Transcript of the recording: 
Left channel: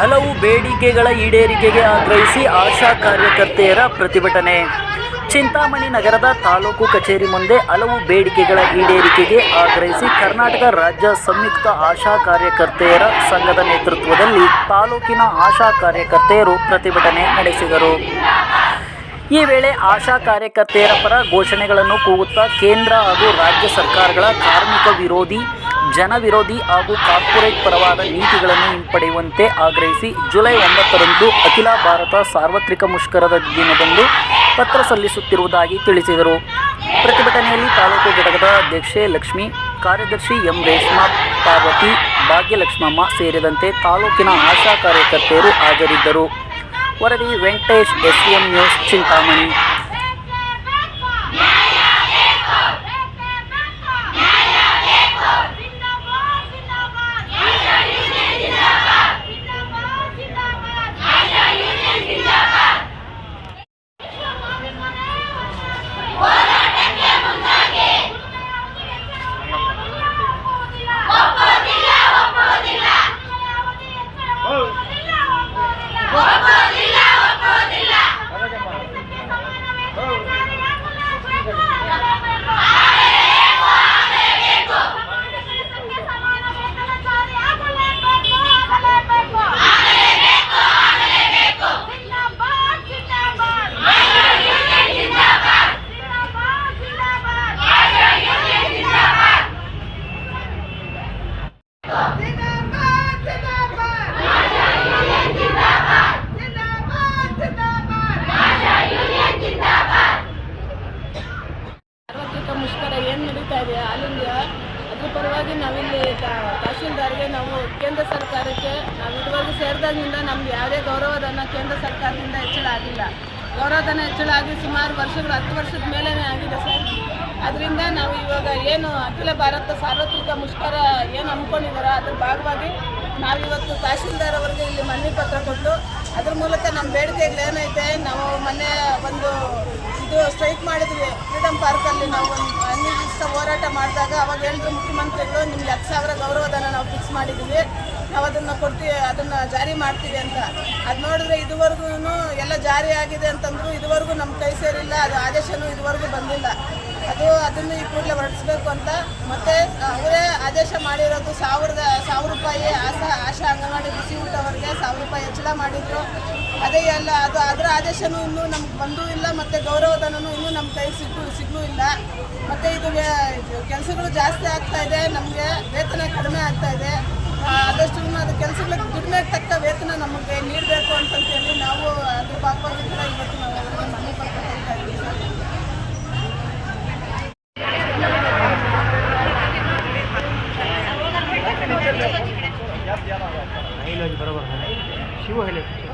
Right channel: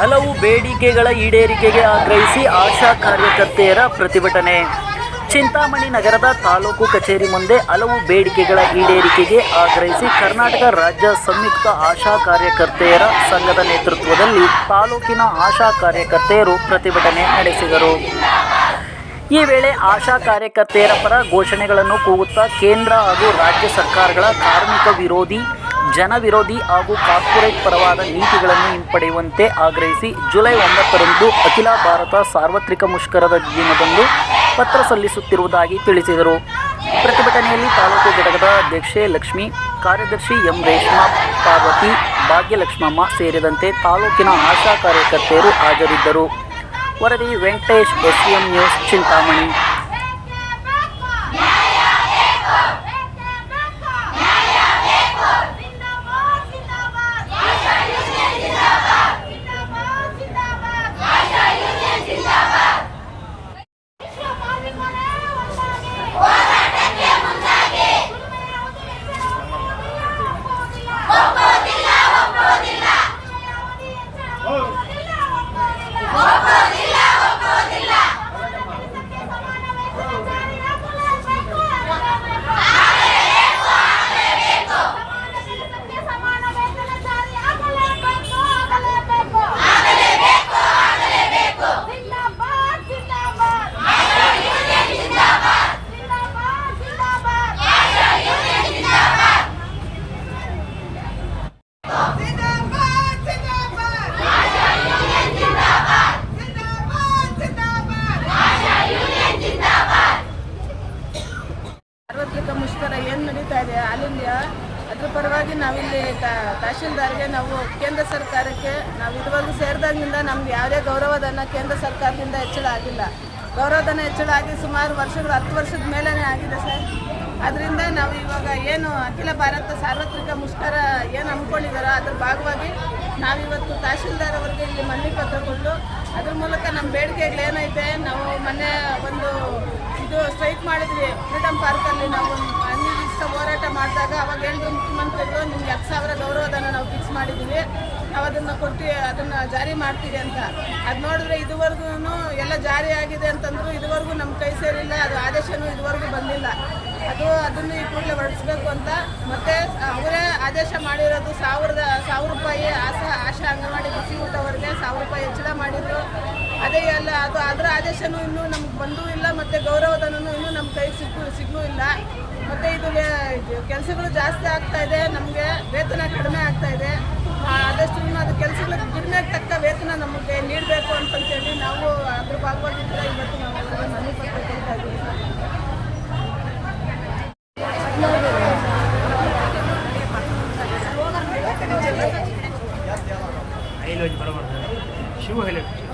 ಹಲವು ಬೇಡಿಕೆಗಳ ಈಡೇರಿಕೆಗೆ ಆಗ್ರಹಿಸಿ ಆಶಾ ಕಾರ್ಯಕರ್ತೆಯರ ಪ್ರತಿಭಟನೆ. ಚಿಂತಾಮಣಿ ನಗರದ ತಾಲೂಕು ಕಚೇರಿ ಮುಂದೆ ಹಲವು ಬೇಡಿಕೆಗಳ ಈಡೇರಿಕೆಗೆ ಆಗ್ರಹಿಸಿ ಕರ್ನಾಟಕ ರಾಜ್ಯ ಸಂಯುಕ್ತ ಆಶಾ ಕಾರ್ಯಕರ್ತೆಯರ ಸಂಘದ ನೇತೃತ್ವದಲ್ಲಿ ತಾಲೂಕಿನ ಆಶಾ ಕಾರ್ಯಕರ್ತೆಯರು ಪ್ರತಿಭಟನೆ ನಡೆಸಿದರು. ಈ ವೇಳೆ ಆಶಾ ಕಾರ್ಯಕರ್ತೆಯರ ಪರ ಘೋಷಣೆಗಳನ್ನು ಕೂಗುತ್ತಾ ಕೇಂದ್ರ ಹಾಗೂ ರಾಜ್ಯ ಸರ್ಕಾರಗಳ ಕಾರ್ಮಿಕ ವಿರೋಧಿ ಜನ ವಿರೋಧಿ ಹಾಗೂ ಕಾರ್ಪೊರೇಟ್ ಪರವಾದ ನೀತಿಗಳನ್ನು ಹಿಂಪಡೆಯುವಂತೆ ಆಗ್ರಹಿಸಿ ಜುಲೈ ಒಂಬತ್ತರಂದು ಅಖಿಲ ಭಾರತ ಸಾರ್ವತ್ರಿಕ ಮುಷ್ಕರದ ದಿನದಂದು ಪತ್ರ ಸಲ್ಲಿಸುತ್ತಿರುವುದಾಗಿ ತಿಳಿಸಿದರು. ಪ್ರತಿಭಟನೆಯಲ್ಲಿ ತಾಲೂಕು ಘಟಕದ ಅಧ್ಯಕ್ಷೆ ಲಕ್ಷ್ಮಿ, ಕಾರ್ಯದರ್ಶಿ ಎಂ ರೇಷ್ಮಾ ಪಾರ್ವತಿ, ಭಾಗ್ಯಲಕ್ಷ್ಮಮ್ಮ ಸೇರಿದಂತೆ ತಾಲೂಕಿನ ಆಶಾ ಕಾರ್ಯಕರ್ತೆಯರು ಹಾಜರಿದ್ದರು. ವರದಿ ವೆಂಕಟೇಶ್ ಎಸ್ಎಂ ನ್ಯೂಸ್, ಚಿಂತಾಮಣಿ. ನಡೀತಾ ಇದೆ ಇಂಡಿಯಾ ಅದ್ರ ಪರವಾಗಿ ನಾವಿಲ್ಲಿ ತಹಶೀಲ್ದಾರ್ಗೆ ನಾವು ಕೇಂದ್ರ ಸರ್ಕಾರಕ್ಕೆ ನಾವು ಇದುವರೆಗೂ ಸೇರಿದಾಗಿಂದ ನಮ್ಗೆ ಯಾವುದೇ ಗೌರವಧನ ಕೇಂದ್ರ ಸರ್ಕಾರದಿಂದ ಹೆಚ್ಚಳ ಆಗಿಲ್ಲ. ಗೌರವಧನ ಹೆಚ್ಚಳ ಆಗಿ ಸುಮಾರು ವರ್ಷಗಳು, ಹತ್ತು ವರ್ಷದ ಮೇಲೇ ಆಗಿದೆ ಸರ್. ಅದರಿಂದ ನಾವು ಇವಾಗ ಏನು ಅಖಿಲ ಭಾರತ ಸಾರ್ವತ್ರಿಕ ಮುಷ್ಕರ ಏನು ಹಮ್ಮಿಕೊಂಡಿದ್ದಾರೋ ಅದ್ರ ಭಾಗವಾಗಿ ನಾವಿವತ್ತು ತಹಶೀಲ್ದಾರ್ ಅವರಿಗೆ ಇಲ್ಲಿ ಮನವಿ ಪತ್ರ ಕೊಟ್ಟು ಅದ್ರ ಮೂಲಕ ನಮ್ಮ ಬೇಡಿಕೆಗಳೇನೈತೆ ನಾವು ಮೊನ್ನೆ ಒಂದು ಇದು ಸ್ಟ್ರೈಕ್ ಮಾಡಿದ್ವಿ. ಫ್ರೀಡಮ್ ಪಾರ್ಕಲ್ಲಿ ನಾವು ಒಂದು ಅನಿರ್ದಿಷ್ಟ ಹೋರಾಟ ಮಾಡಿದಾಗ ಅವಾಗ ಹೇಳಿದ್ರು ಮುಖ್ಯಮಂತ್ರಿಗಳು ನಿಮ್ಗೆ ಹತ್ತು ಸಾವಿರ ಗೌರವಧನ ನಾವು ಫಿಕ್ಸ್ ಮಾಡಿದ್ದೀವಿ. ನಾವು ಅದನ್ನು ಕೊಡ್ತೀವಿ ಅದನ್ನು ಜಾರಿ ಮಾಡ್ತೀವಿ ಅಂತ. ಅದು ನೋಡಿದ್ರೆ ಇದುವರೆಗೂ ಎಲ್ಲ ಜಾರಿ ಆಗಿದೆ ಅಂತಂದ್ರು ಇದುವರೆಗೂ ನಮ್ಮ ಕೈ ಸೇರಿಲ್ಲ. ಅದು ಆದೇಶನೂ ಇದುವರೆಗೂ ಬಂದಿಲ್ಲ. ಅದು ಅದನ್ನು ಈ ಕೂಡಲೇ ಹೊರಡಿಸ್ಬೇಕು ಅಂತ. ಮತ್ತೆ ಅವರೇ ಆದೇಶ ಮಾಡಿರೋದು ಸಾವಿರದ, ಸಾವಿರ ರೂಪಾಯಿ ಆಶಾ ಆಶಾ ಅಂಗನವಾಡಿ ಬಿಸಿ ಊಟ ರೂಪಾಯಿ ಹೆಚ್ಚಳ ಮಾಡಿದ್ರು. ಅದೇ ಎಲ್ಲ, ಅದು ಅದರ ಆದೇಶನೂ ಇನ್ನೂ ನಮ್ಗೆ ಬಂದೂ ಇಲ್ಲ, ಮತ್ತು ಗೌರವಧನೂ ಇನ್ನೂ ನಮ್ಮ ಕೈ ಸಿಕ್ಕೂ ಸಿಗ್ಲೂ ಇಲ್ಲ. ಮತ್ತು ಇದು ಕೆಲಸಗಳು ಜಾಸ್ತಿ ಆಗ್ತಾ ಇದೆ, ನಮಗೆ ವೇತನ ಕಡಿಮೆ ಆಗ್ತಾ ಇದೆ. ಆದಷ್ಟು ಅದು ಕೆಲಸಗಳಿಗೆ ದುಡಿಮೆ ತಕ್ಕ ವೇತನ ನಮಗೆ ನೀಡಬೇಕು ಅಂತಂತೇಳಿ ನಾವು ಅದ್ರ ಭಾಗವಾಗಿ ಇವತ್ತು ನಾವು ಅದನ್ನು শুভ হয়ে